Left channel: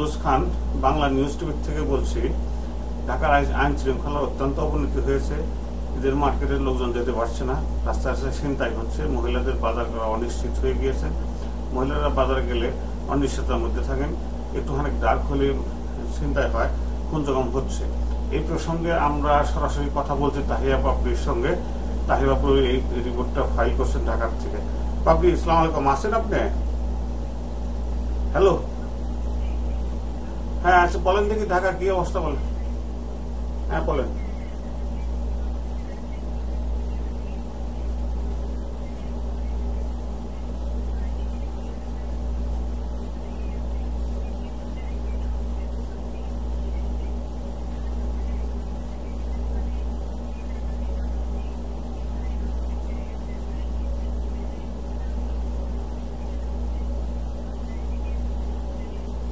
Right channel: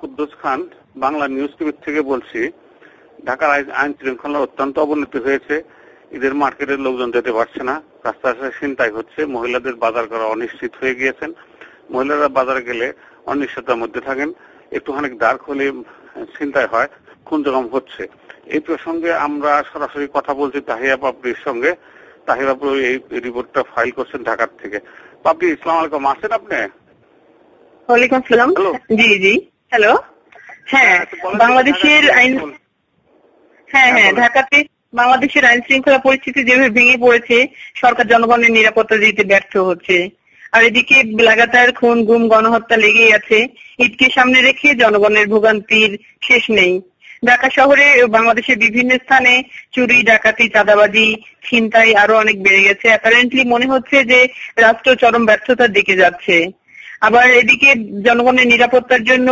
খান, Bangla news TV থেকে বলছি। ঢাকার আইন শৃঙ্খলা অত্যন্ত অবনতি হয়েছে। ঈদের মার্কেটের লোকজন যেতে পারছে না, রাস্তাঘাটে ছিনতাই হচ্ছে, মহিলাদের বাজার করা অনিশ্চিত হয়ে গিয়েছেন। মহিলারা বাজারে গেলে অনিশ্চয়তার মধ্যে থাকেন, একটুখানি ডার্ক হলে চিন্তায় হয়, কুন্দগম হচ্ছে। এই প্রসঙ্গে আমরা সরাসরি কথা বলছি তাহিয়া পাপড়ির সঙ্গে। তাহিয়া পাপড়ি এই রিপোর্টটা ফাইল করছেন ঢাকার থেকে। পাপড়ি, আসসালামু আলাইকুম, আছেন আপনি? ওয়ালাইকুম আসসালাম। জি জি, হ্যালো। হ্যাঁ, বাংলাদেশের আইন, হ্যাঁ ঢাকাতে বাংলাদেশের আইন শৃঙ্খলা পরিস্থিতি যেভাবে ভেঙে পড়েছে, সরকার জনগণের নিরাপত্তা দিতে ব্যর্থ হচ্ছে। আর এদিকে লাগাতার খুন, গুম, গণহত্যা লেগেই আছে। ঈদকে সামনে রেখে জনগণের ভোগান্তির শেষ নেই। ঢাকা শহরে বাংলাদেশের বিভিন্ন স্থানে চুরি, ডাকাতি, চাঁদাবাজি, ছিনতাই আরো অনেক বেড়ে গেছে। অ্যাপারেন্টলি মনে হচ্ছে যে রাষ্ট্র চরম ব্যর্থতার দিকে যাচ্ছে। আবার এদিকে জনগণের নিরাপত্তার জন্য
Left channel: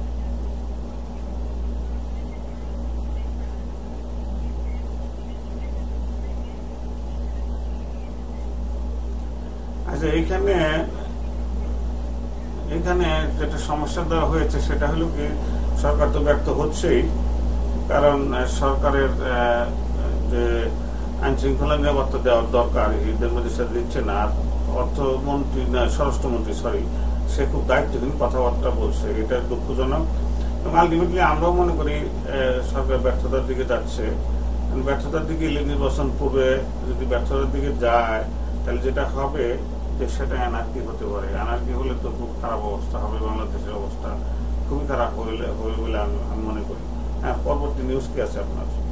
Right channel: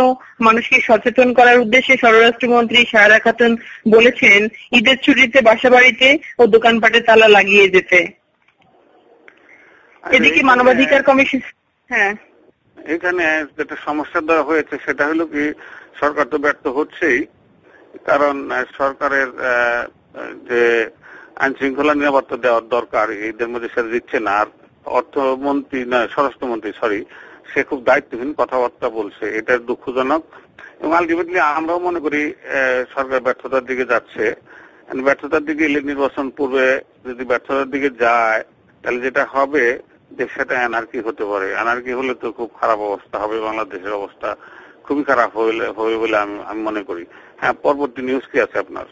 মানুষকে সচেতন করার উদ্দেশ্যে স্বরাষ্ট্রমন্ত্রী সায়রা খাতুন বলেছেন ঈদের ছুটিতে বাসাবাড়িতে ও দোকানপাটে তালা লাগিয়ে যেতে। এদিকে মানবাধিকার কমিশন, হ্যাঁ, এখানে যেটা সমস্যা দেওয়া হয়েছে সেটা হলো কি, সরকার তো ব্যর্থ হচ্ছেই, কারণ সরকারের যে আইন শৃঙ্খলা নিরাপত্তা দেওয়ার দরকার এদের মধ্যে সেটা দিচ্ছে না। আর অর্থমন্ত্রী না, স্বরাষ্ট্রমন্ত্রী সরি, সে খুব দায়িত্বহীন কথাবার্তা বলছে, এটা দুঃখজনক। আলটিমেটলি আমরাও মনে করি সরকার ব্যর্থতার দিকে যাচ্ছে। ব্যর্থতার দিকে নির্বাচন করবে, যদি ব্যর্থতার দিকে যায় তাহলে যেটা হবে সেটা অ্যানার্কি হতে পারে। অ্যানার্কি হলে তো খুব খারাপ অবস্থা হবে, বাংলাদেশের অবস্থা খুবই খারাপ হবে বলে আমি মনে করি। হ্যাঁ, পরবর্তী নিউজ কি আছে আপনার?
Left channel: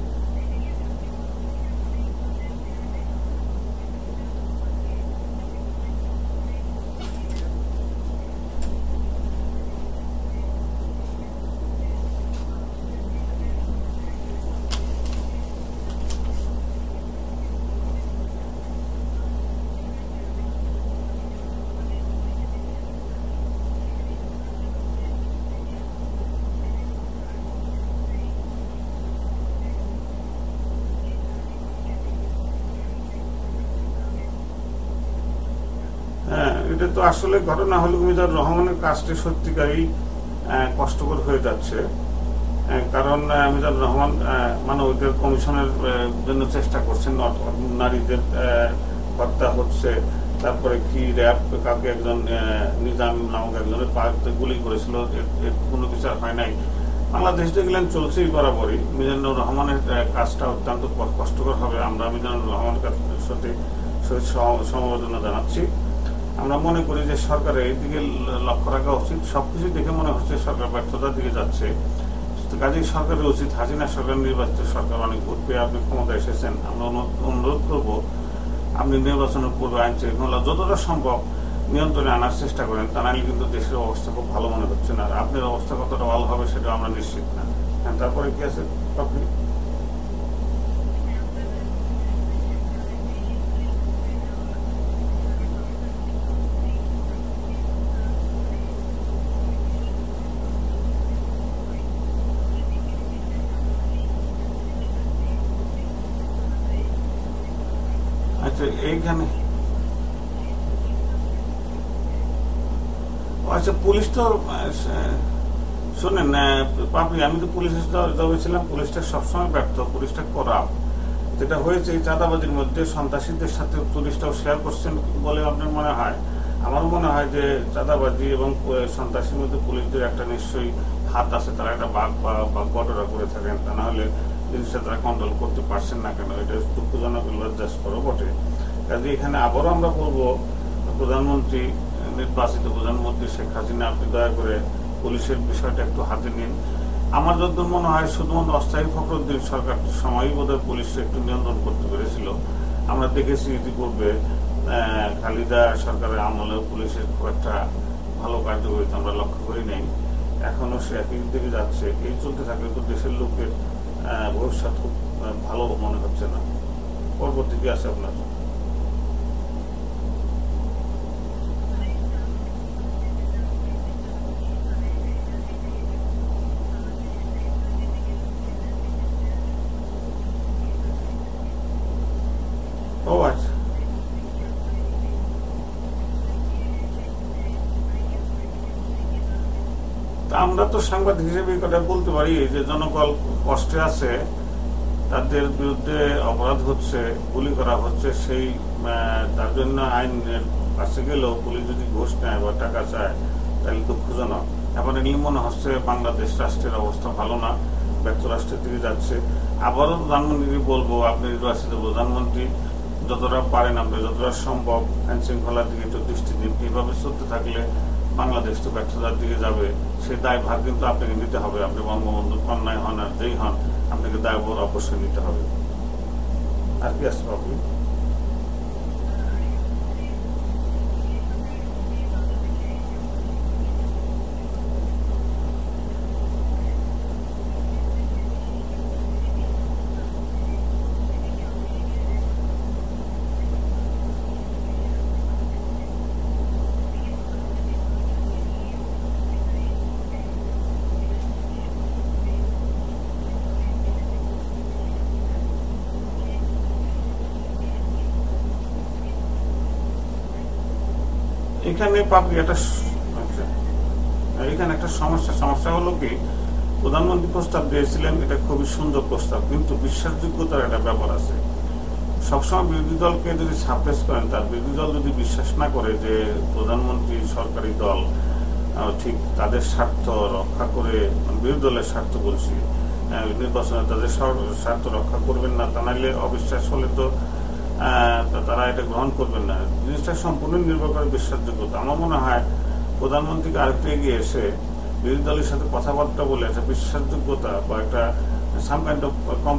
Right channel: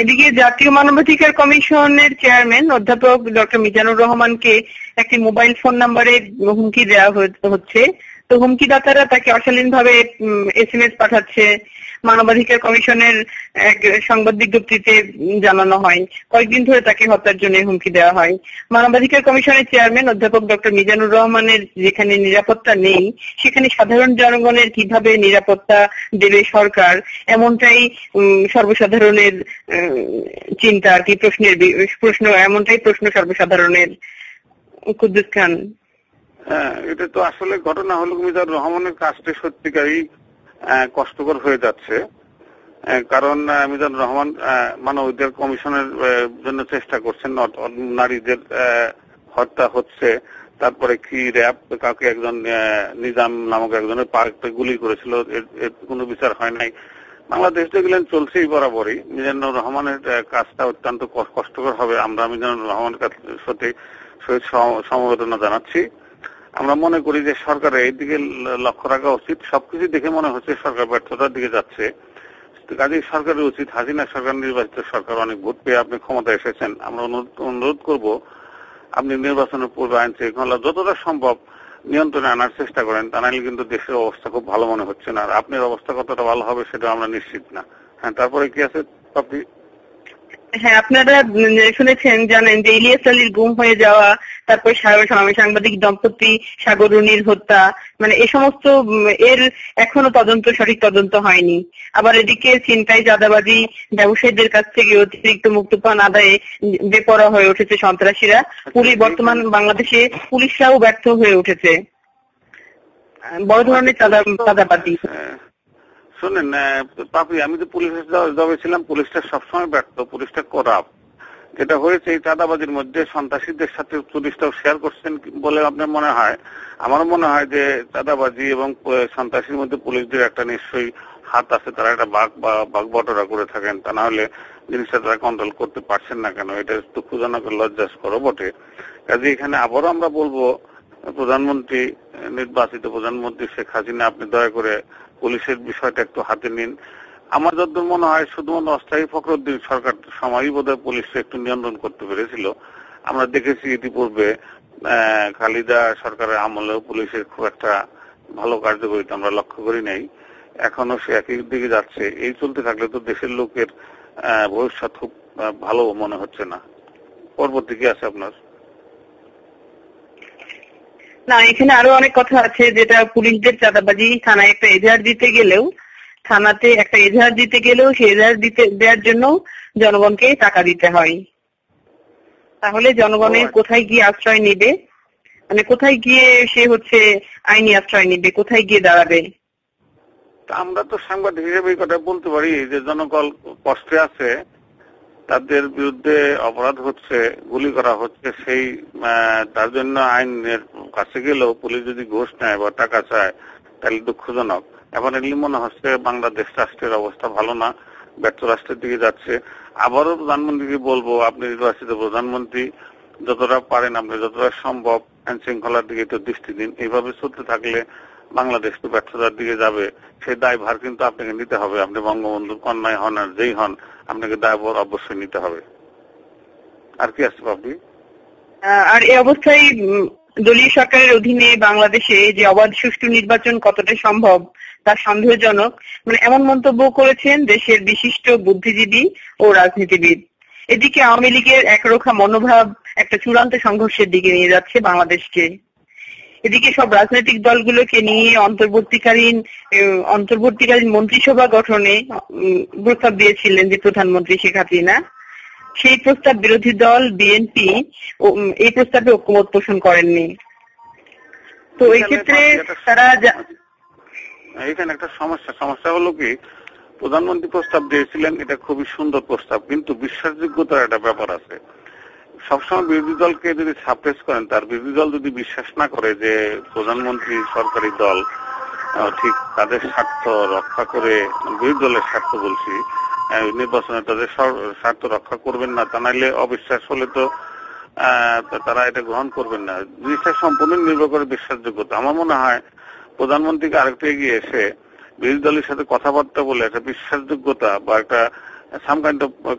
এদিকে জাতীয় মানবাধিকার কমিশনের চেয়ারম্যান অধ্যাপক ডক্টর মিজানুর রহমানকে একটি মোবাইল ফোন নাম্বারে হুমকি দেওয়া হচ্ছে। তো হুমকিদাতারা তাকে অশালীনভাবে SMS পাঠাচ্ছে। মানবাধিকার কমিশনের এক সংবাদ বিজ্ঞপ্তিতে জানানো হয় কয়েকদিন ধরে তাকে হত্যার জন্য হুমকি দেওয়া হয়। মানবাধিকার কমিশনের চেয়ারম্যান অধ্যাপক ডক্টর মিজানুর রহমানের যেখানে নিরাপত্তা নেই, সেখানে সাধারণ জনগণের কিভাবে নিরাপত্তা দেবে সরকার, এমনটাই সর্বসাধারণের চিন্তা আর কি, প্রশ্ন এমনটাই প্রশ্ন সর্বসাধারণের। কুদ্দুস খান, এটা তো আসলে ঘটনা হলো মিজানুর রহমানের কাছে সত্যিকারই কষ্টকর হয়ে যাচ্ছে, কারণ মিজানুর রহমান মানবাধিকার কমিশনের জন্য চেষ্টা করছেন। নারীদের হত্যা হচ্ছে, তারপরে কি র্যাব কাউকে একজন নিজাম নামক একজনের পার্কে গুলি করেছিল, এর কোনো বিচার হয় নাই। আমরা দেখতে গেলে চলছেই বরাবরই। মিজানুর রহমানের কাজটা অত্যন্ত কষ্টকর হবে। আমরা মিজানুর রহমানের কাছে সমবেদনা জানাচ্ছি। আমরা মনে করি যে সরকারের এই দিকে লক্ষ্য রাখা উচিত। সবকিছু দেখে মনে হচ্ছে সরকার ব্যর্থতার দিকে যাচ্ছে। কাজেই সরকারের উচিত, হাসিনা সরকার নির্বাচিত সরকার অনেক ভোট পেয়ে আপনি ক্ষমতা এসেছেন, আমরা অনুরোধ করবো আপনি নির্বাচনের পূর্বে আইন শৃঙ্খলা যতটা সম্ভব নিয়ন্ত্রণে আনার চেষ্টা করেন, তা নাহলে কিন্তু দেশের অবস্থা খুব ভালো মনে হচ্ছে না। আর আপনার অবস্থা কতটা ভালো হবে সেটা আমরা নিশ্চিত না। তারপরে কি আছে আপনি? হ্যাঁ, আপনারা শুনেছেন, জানেন যে ইলিয়াস আলীর গুম হয়ে যাওয়া, তারপর সাংবাদিক দম্পতি সাগর রুনির হত্যা, মানে এই সমস্ত এর এখনো সঠিক তদন্ত হয়নি। আবার এদিকে ছিনতাই, চাঁদাবাজি, ব্যবসায়ীদের কাছ থেকে অতিরিক্ত মুক্তিপণ আদায়ে বেপরোয়া হয়ে উঠেছে সন্ত্রাসীরা। বর্তমান বাংলাদেশে পুলিশরাও ব্যর্থ হয়ে উঠেছে বড় ধরনের চাঁদাবাজি। আমি তো পুলিশের ছিলাম, পুলিশটা সবসময় ব্যর্থ, পুলিশটা খারাপ। যেটা হয়েছে চাঁদাবাজির মধ্যে সন্ত্রাসীদের সাথে পুলিশটা শেয়ার করছেন বলে আপনার মনে হয়? আমার মনে হয় যে চাঁদাবাজি এবং সন্ত্রাসীর মধ্যে পুলিশের একটা নিশ্চয়ই হাত আছে, তারা একটা বটরা করে থাকেন, তা না হলে জিনিসটা তারা কন্ট্রোল করতে পারছেন না কেন? এটা দুঃখজনক, লজ্জাস্কর বটে। কাজে এখানে আবারও আমরা বলবো, প্রধানমন্ত্রী, নির্বাচিত প্রধানমন্ত্রী শেখ হাসিনা, আপনি দয়া করে পুলিশের বিষয়টা একটু হাতে নিন। আমার যত মনে হয় শুধু অস্থায়ী প্রকৃতির সরকার সময়ই বোধহয় পুলিশকে একটু নিয়ন্ত্রণ করতে পেরেছিল। আমরা দেখেছি ইতিপূর্বে খালেদা সরকারের আমলে পুলিশের খুব একটা ভালো কার্যকরিতা আমরা লক্ষ্য করি নাই। এখনো সে একই দিকে যাচ্ছে। এই চলতে থাকলে তো দেশের লোকের ভবিষ্যৎ খুব ভালো মনে হচ্ছে না। পরবর্তী কি আছে আপনার? না, এখানে আরো অনেক কথা আছে, যেটা পুলিশদের চাঁদাবাজি, থানায় একটা এজাহার দিতে গেলেও সেই এজাহার দেওয়ার জন্য জনগণকে টাকা দিতে হয়। তাহলে জনগণের কোথায় গিয়ে আশ্রয় নেবে, মানে কোথায় গিয়ে সে আইনি আশ্রয় নিবে, কোথায় গিয়ে দাঁড়াবে? আমরা তো সাংবাদিক হিসেবে কথা বলতে পারি যে জনগণ কষ্টে আছে, তাদের বিরুদ্ধে অপরাধ হচ্ছে, গুলি করা হচ্ছে, সেই তার জন্য আইনের কাছে গেলেও পুলিশ যদি ঘুষ নেয় বা টাকা চায় তাহলে দুঃখজনক। এখন এগুলো মনে হচ্ছে বাংলাদেশ রাষ্ট্রের অবস্থা ভালো না, ব্যর্থ রাষ্ট্রের দিকে যাচ্ছে। আবারও প্রধানমন্ত্রীকে বলবো, আপনি রাষ্ট্রের প্রধানমন্ত্রী, যতটা পারেন আপনি যতটা সম্ভব আইন শৃঙ্খলার দিকে একটু দৃষ্টি দিন। এইভাবে চলতে থাকলে বাংলাদেশ ব্যর্থতার দিকে যাবে। সেই দায়ভার কিন্তু আপনাকে নিতে হবে। আপনি বঙ্গবন্ধু কন্যায় হন আর যেই হন, আপনাকে দায়ভার অবশ্যই নিতে হবে। আর কি আছে আপনি? আর এই অবস্থায় দলীয় সরকারের অধীনে বাংলাদেশে যে অবাধ সুষ্ঠু নির্বাচন কতটা সম্ভব তা সন্দেহজনক, মানে এমন মন্তব্য করেছেন দেশের বিশিষ্ট বুদ্ধিজীবী ও রাজনীতিবিদ। এদিকে আওয়ামী লীগের একরোখা মনোভাব একটা চূড়ান্ত সংঘর্ষের দিকে নিয়ে যাচ্ছে বাংলাদেশকে। এদিকে সব রাজনৈতিক দলগুলোকে নিয়ে অন্তর্বর্তীকালীন মন্ত্রিসভা গঠনে প্রস্তাব দিয়েছিলেন যে প্রধানমন্ত্রী শেখ হাসিনা। সেই প্রস্তাব বিরোধী দল বিএনপি এই প্রস্তাবে ঐক্যমত পোষণ করেননি। তো এই ক্ষেত্রে তারা এখানে সমস্যা হলো কি, প্রধানমন্ত্রী প্রস্তাব দিয়েছিলেন, এটা খুবই সুন্দর প্রস্তাব, কিন্তু বিশ্বাসযোগ্যতার একটা ব্যাপার আছে। সবসময় বিরোধী দলকে যদি সাপোর্ট করেন, তার বিরোধী দল যদি বিশ্বাস না করে যে প্রধানমন্ত্রী সরকারি দল ঠিক তাদের স্বার্থ রক্ষা করে, বিরোধী দলের স্বার্থ বলছি, নির্বাচনে তাদের স্বার্থ রক্ষা করবেন না, তা নাইলে অবিশ্বাস হলে তো তারা এটা গ্রহণ করবেন না। বিশ্বাস সম্পূর্ণ নির্ভর করে বিশ্বাসযোগ্যতা। আমার মনে হয় প্রধানমন্ত্রীকে আরেকটু এগিয়ে এসে বিরোধী দলের সাথে কথাবার্তা বলে একটা বিশ্বাসযোগ্যতা বা একটা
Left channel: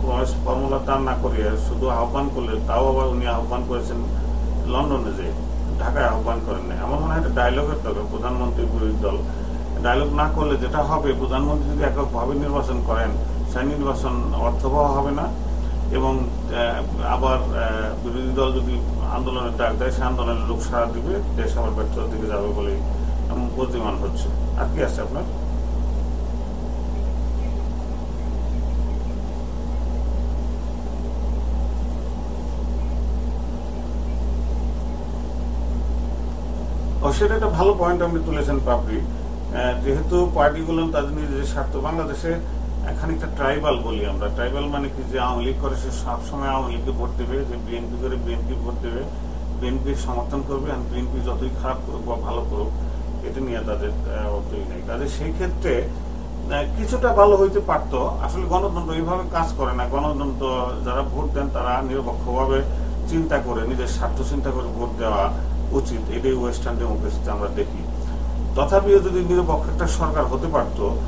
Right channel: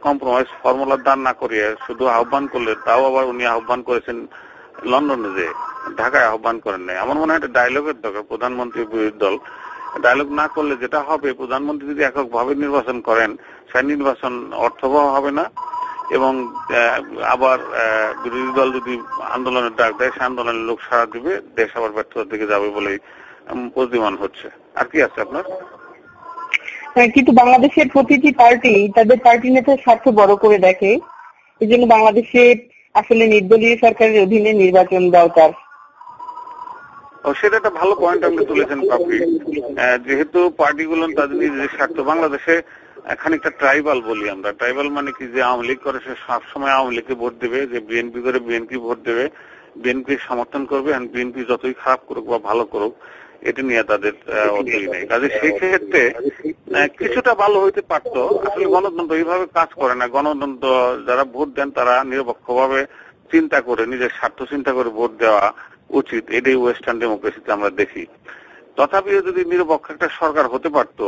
কম্প্রোমাইজ ফর্মুলা দান না করিয়ে শুধু আহ্বান করলে, তাও আবার উনি আহ্বান করেছেন লন্ডনে, যে ঢাকায় আহ্বান করেন নাই। আমার মনে হয় একটা ডায়লগের দরকার প্রধানমন্ত্রী বিরোধী দল। ডায়লগ না করলে যেটা হবে, প্রধানমন্ত্রী যদি এককভাবে নির্বাচন করেন, সেই নির্বাচন অর্থবহ হবে না, এবং আবার বিরোধী দল যদি আন্দোলনের ডাক দেয়, সে আন্দোলনের লোক সাড়া দিবে, দেশ আবার ব্যর্থতার দিকে যাবে বলেই বুদ্ধিমান হচ্ছে। আর কি আছে আপনার? কিন্তু বাংলাদেশের প্রতিটি পার্টি তাদের পার্টি নেতার স্বার্থ বড় করে দেখে। এই জন্য বাংলাদেশে আসলে নির্দলীয় সরকারের অধীনে নির্বাচন দরকার। সেটা একটা ভালো পয়েন্ট আপনি বলেছেন কাপি। যেহেতু পার্টিগুলো তাদের নিজেদের স্বার্থ, বাংলাদেশে খানিকটা ট্রাইবাল বলি আমরা। ট্রাইবাল মানে কি, যে আওয়ামী লীগ করে সে সবসময় আওয়ামী লীগকে ভোট দেবে, যে বিএনপি করে বিএনপি ভোট দেবে, বিএনপি সমর্থন করবে, বিএনপি যতই খারাপ করুক বা ভালো করুক এটা নিয়ে তাদের অতীত নেই। কাজে সেই ক্ষেত্রে কিছুটা ভালো হইতে পারতো। আসলে গণতন্ত্র এইভাবে কাজ করে না। গণতন্ত্র যারা ভোট দেন তারা নিরপেক্ষভাবে চিন্তা করে, নিজের স্বার্থ চিন্তা করে ভোট দেওয়া উচিত। এটাই ওয়েস্টার্ন ডেমোক্রেসিতে আমরা দেখি। তথাপিও যদি নিরপেক্ষ সরকার হতে পারতো,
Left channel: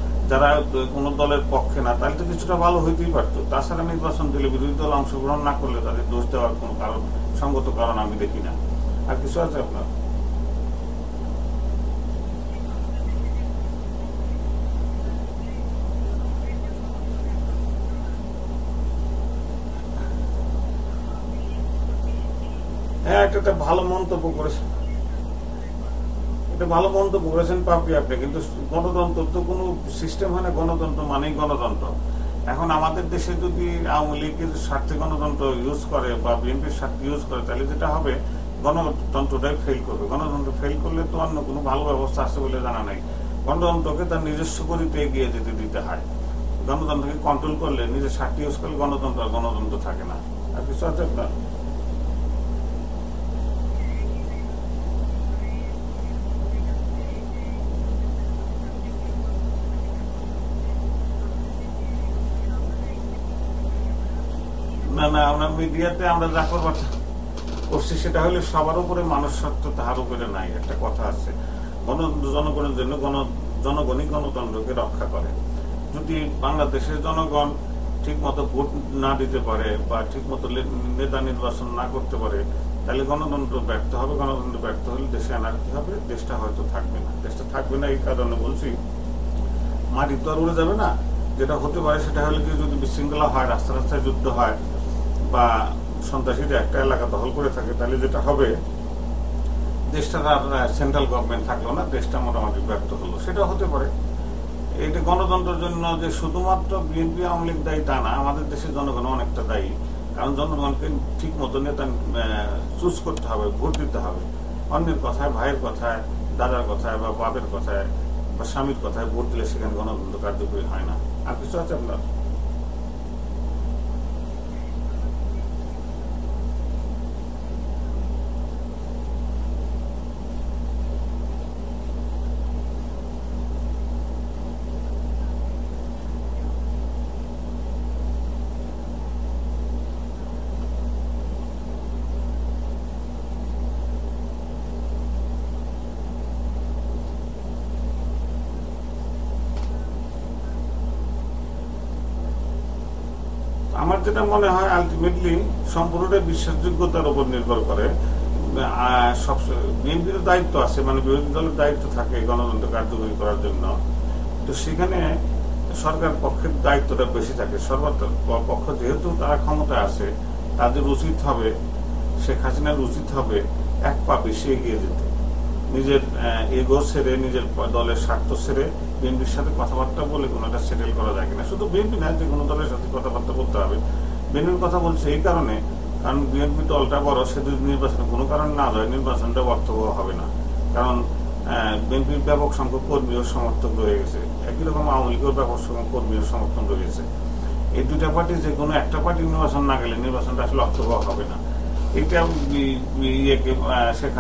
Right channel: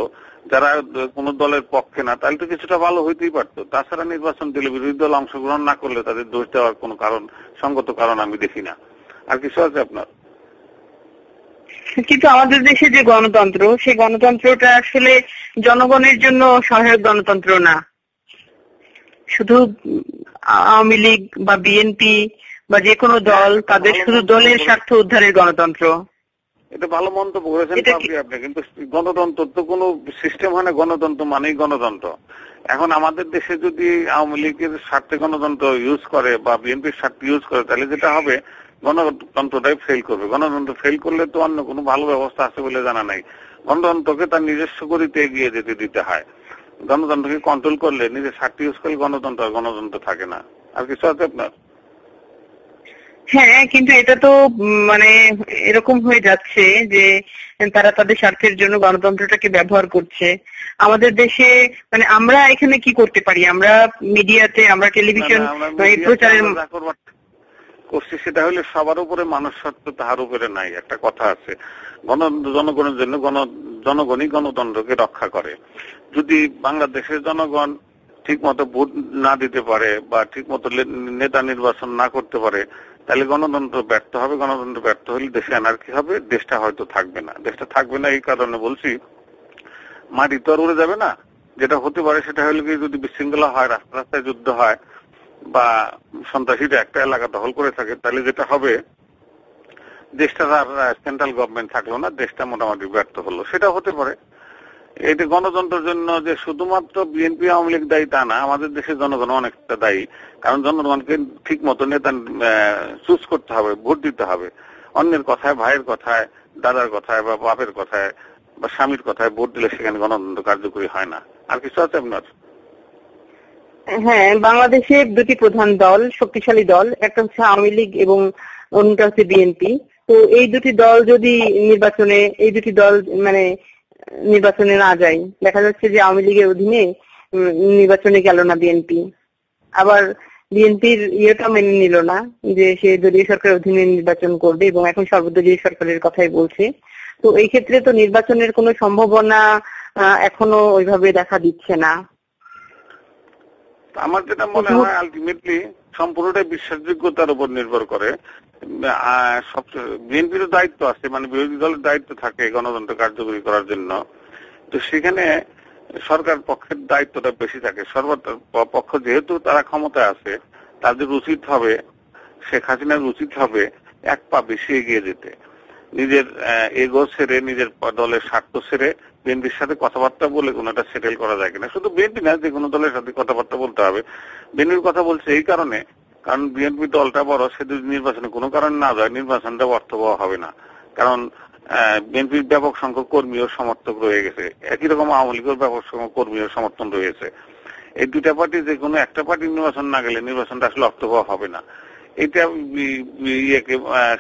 যারা কোন দলের পক্ষে না, তাহলে তো কিছুটা ভালো হইতেই পারতো। তাছাড়া নির্বাচন দিলে বিরোধী দল অংশগ্রহণ না করলে তাদের জড়িত হওয়ার কোন কারণ, সঙ্গত কারণ আমি দেখি না। আর কিছু আছে আপনার? কিন্তু আমাদের দেশে যে গণতন্ত্র, সেই গণতন্ত্রটা আসলে জনগণের জন্য সহায়ক গণতন্ত্র না। শুধু আওয়ামী লীগ বা বিএনপি বা যে কোনো দল, তাদের শুধু দলের স্বার্থ উদ্ধারের গণতন্ত্র। ভালো মন্তব্য হয়েছে, কিন্তু গণতন্ত্র তো কোন সিস্টেম হয় না। গণতন্ত্র মানেই গণতন্ত্র। এখন আমাদের দেশে যদি আওয়ামী লীগের স্বার্থে গণতন্ত্র ইউজ করে বা বিএনপির স্বার্থে ইউজ করে, তাহলে যেটা হবে গণতন্ত্রটাই ফেল করবে। গণতন্ত্র ফেল করলে তো অন্য কোনো ভালো ব্যবস্থা আছে বলে জানা নাই। গণতন্ত্রকে তার নিজস্ব গতিতে এগিয়ে যেতে দিতে হয়। গণতন্ত্রকে কন্ট্রোল করলে, নিজের স্বার্থ ইউজ করলে গণতন্ত্র থাকে না। আর কিছু আছে আপনার? হ্যাঁ, কিন্তু এটা তো মানে এরকম হয়ে যাচ্ছে যে তারা তাদের স্বার্থের জন্য গণতন্ত্রটাকে ব্যবহার করছে। আমাদের দেশে মানে আমরা এখানে কি করতে পারি? আমরা মিডিয়াতে, আমরা টেলিভিশন প্রচারে, সেটা হলো সবার উপরে মানুষ সত্য, তাহার উপরে নাই। একটা কথা আছে, গণতন্ত্র জনগণের জন্য, জনগণই গণতন্ত্রকে রক্ষা করে। যদি বাংলাদেশের জনগণ ঠিক মতো ভোট না দিতে পারে বা ঠিক মতো নেতা নির্বাচন না করতে পারে, তাহলে গণতন্ত্র ব্যর্থ হবে। গণতন্ত্র ব্যর্থ হলে দেশে অ্যানার্কি হবে, দেশটা হয়তো থাকবে না। দেশটা থাকবে না এই কারণে বলছি, মাটি তরলে যাবে না। যেটা হতে পারে সেটা হলে কি, যদি বিশৃঙ্খলা হয়, রাস্তায় যুদ্ধ হয় বা সন্ত্রাসীরা একটা এলাকা দখল করে থাকে, তাহলে যেটা হবে, দেশটা সেন্ট্রাল গভর্নমেন্ট থাকলো না, দেশটা মোটামুটি ব্যর্থ হলো। সেটা হতে পারে। এটা গণতন্ত্রের জন্য যে শুধুমাত্র বিএনপি আওয়ামী লীগ দায়ী তা না, আমাদের দেশের জনগণ অনেকটা দায়ী। কারণ জনগণকে ঠিক মতো নেতা চুজ করতে হবে, ভোট দিতে হবে। অন্যের কথায়, ভাইয়ের কথায়, দাদার কথায় বা বাপের কথায় বা স্বামীর কথায় ভোট দিলে সেখানে গণতন্ত্র কার্যকরী হয় না। আর কিছু আছে আপনার? হ্যাঁ, বাংলাদেশের দুটি প্রধান দল, শক্তিশালী দল, একটা হচ্ছে আওয়ামী লীগ এবং অন্যটা হচ্ছে বিএনপি। তো এই দুটি দল যদি নির্বাচনে না যায়, দেখা যাচ্ছে যে আওয়ামী লীগের অধীনে নির্বাচনে গেল না বিএনপি, আবার বিএনপির ইয়েটা মেনে নিল না যে সে দলীয় সরকারের অধীনে নির্বাচন করবে এবং এখন সর্বদলীয় সরকারের কথাই বলছে। তো এই ক্ষেত্রে তো নির্বাচনের কোনো সম্ভাবনা এখনো ওইভাবে দেখা দিচ্ছে না। আমার যেটা মনে হয় আলটিমেটলি সম্পূর্ণটাই বিশ্বাসযোগ্যতার উপর নির্ভর করে। বিএনপির দায়িত্ব আছে, মানে বিরোধী দলের দায়িত্ব থাকে গণতন্ত্র কার্যকরী করার জন্য। সেখানে সরকার পক্ষের দায়িত্বটা বেশি থাকে। সর্বপক্ষ যেহেতু তারা ক্ষমতায় আছে, তাদের উচিত হবে, শেখ হাসিনার উচিত হবে এক পা পিছিয়ে এগিয়ে যেতে, নিজের এগো ছেড়ে, নিজের দলের স্বার্থ ছেড়ে বিএনপির সাথে কথাবার্তা বলে কোনোটা সেটেল করা যায় কিনা। শুধু বিএনপি না, যে কোনো দলের সাথে কথাবার্তা বলতে হবে। বিএনপির কথা বলছে এই কারণে, কারণ বিএনপি দলটা বড়, সে যদি নির্বাচনে কোনো কারণ না যায়, নির্বাচনটা অর্থবহ হবে না। কারণ বিএনপির ব্যাপক সংখ্যক কর্মীও সমর্থক রয়ে গেছে, একই রকম আওয়ামী লীগের ব্যাপক সংখ্যক কর্মীর সমর্থন রয়েছে। এই দুটা পার্টি যে কোনো একটা পার্টি নির্বাচন না গেলে নির্বাচনটা আসলে অর্থবহ হবে না। এটা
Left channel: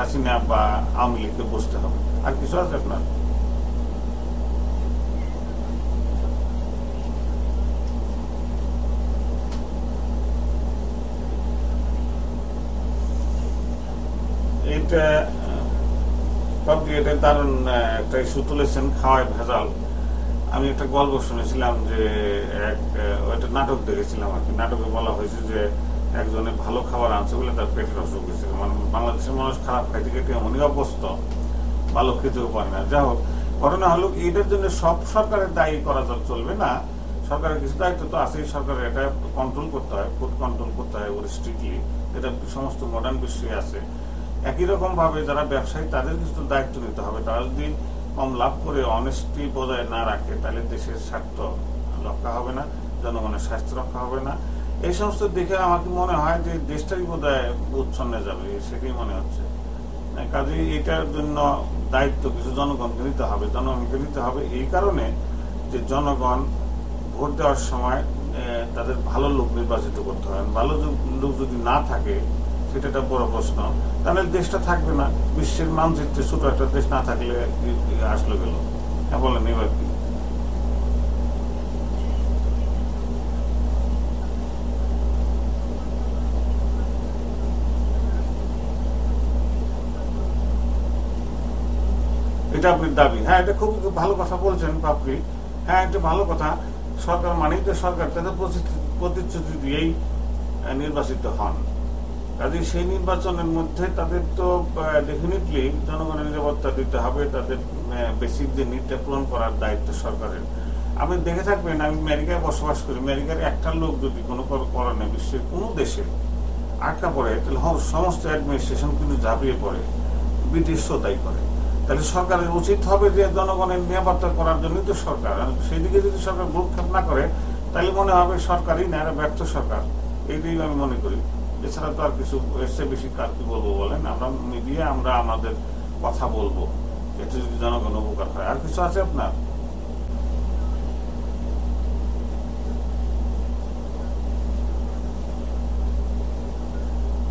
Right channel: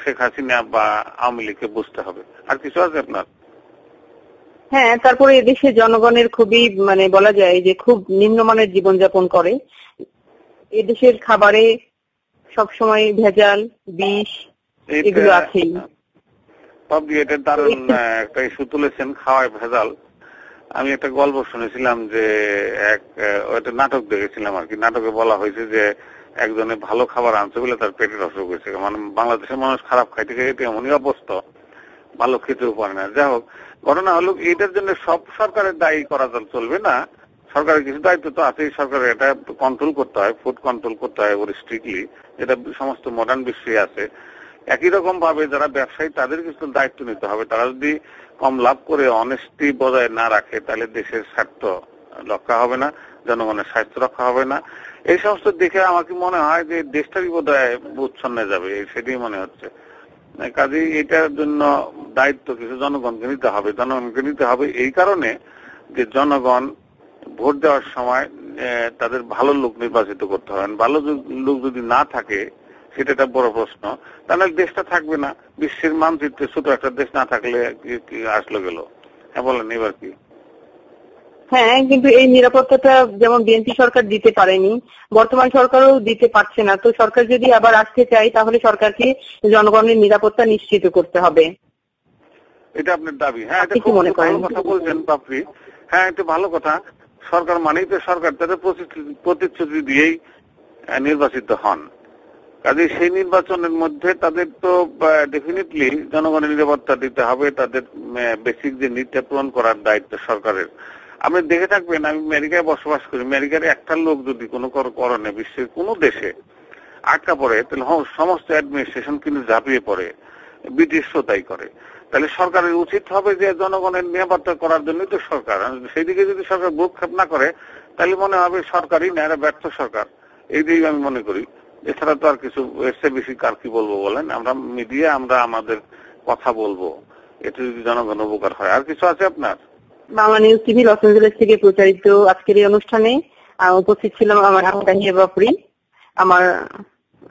শেখ হাসিনা বা আওয়ামী লীগকে বুঝতে হবে। আর কিছু আছে আপনার? হ্যাঁ, তারপরে এদেশের জনগণের খুবই বলা যায় যে খুব নিম্নমানের জীবনযাপন করে। এদেশের খাবারে সবসময় ভেজাল, বিষ এগুলো আছেই। খাওয়ায় ভেজাল। আমি একটা গল্প শুনেছিলাম যে ওইটা নাটক দেখেছিলাম আর কি। নাটকে বলা হয়েছে যে একজনের ভালো খাবার আনতে হলে তার পেটের অসুখ হয়েছে। মানে বাংলাদেশের মানুষ খারাপ খাইতে গেলে এমনই অবস্থা, ভালো খেতেও পারে না। যাই হোক, ঘটনা হলো এটার জন্য সব সরকারের দায়ী করা চলবে না। সরকারের কিছু দায়িত্ব তো আছে, সরকারের এটা কন্ট্রোল করতে হয়, ফুড কন্ট্রোল করতে হয় স্ট্রিক্টলি। এটা সমস্ত মডার্ন বিশ্বে আছে। একই রকম ভাবে যারা ব্যবসায়ী, তাদের কিছু দায়িত্ব নিতে হবে। তারা যদি কম লাভ করে অনেস্টি বজায় না রাখে, তাহলে দেশের স্বার্থ রক্ষা হবে না, জনগণের স্বার্থ রক্ষা হবে না। এই সমস্ত দিকে আমাকে মনে হয় যে দেশটাকে বোধহয় উচ্ছন্নে যাবে, সেটাই মনে হচ্ছে। কাজে এটার জন্য দায়িত্ব জনগণকে নিতে হবে, জনগণকে নিতে হবে এই কারণে যে জনগণ ভোট দেওয়ার সময় তাদের ভালো লোক নির্বাচিত করতে হবে। ভালো লোক যদি না থাকে, সেটা একটা বড় প্রশ্ন। তাহলে দেশটা থাকবে না। বিশ্বের মানচিত্রে ছোট একটা দেশ না থাকলে আসলে গেল। বলেন এবার কি? হ্যাঁ, কিন্তু এই নিরাপত্তাটা যেমন বিএনপি সরকার দিতে পারেনি, বর্তমান সরকারও দিতে পারছে না। তো সরকার যদি আবার আসতে চায়, তাহলে সরকারকে জনগণের নিরাপত্তা নিশ্চিত করতে হবে। কি মনে করেন? কথা বলছেন বাপরি। হ্যাঁ, এটা ভালো কথা। সরকার মানেই তো সরকার তাদের প্রতিশ্রুতি দিয়েই নির্বাচিত হন। কাজে সেই নির্বাচনের মধ্যে তাদের তো ডেফিনেটলি জনগণের নিরাপত্তা দিতে হবে, তাদের বেসিক যে নীতিটা পূরণ করার দায়িত্ব সরকারের। আপনি দেখে থাকবেন, আমেরিকায় বসবাস করি, আমেরিকার একটা লোক যদি কোনো করণে বিশ্বের কোনো দেশে আটকা পড়ে, তাহলে সমস্ত অ্যাডমিনিস্ট্রেশন কিন্তু ঝাঁপিয়ে পড়ে, ব্রিটিশও তাই করে। তাহলে সরকারের উচিত হবে যে জনগণের নিরাপত্তা করার জন্য তো সরকার, সেদিকে যদি সরকার ভূক্ষেপ না করে, তাহলে মনে হবে সরকারই না, এরা ব্যর্থ সরকার। এইটাই আমি মনে করি। এছাড়া তো আর কিছু এর বেশি কার কি বলবো বলেন? আমরা মিডিয়া, আমরা আমাদের কথা বলবো, এটা যদি জনগণ উপকার হয়। আর কিছু আছে আপনার? Bangla news TV Los Angeles থেকে প্রচারিত আজকের এই অনুষ্ঠানে উপস্থিত ছিলাম আমার তাহিয়া বাপরি। আমার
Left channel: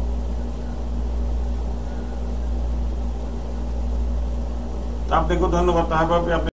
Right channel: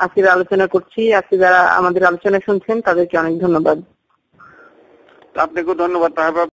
আজকে আলোচনা করছি। আজকে যারা আমাদের আলোচনা শুনছেন তাদেরকে অনেক ধন্যবাদ। আপনাকে ধন্যবাদ।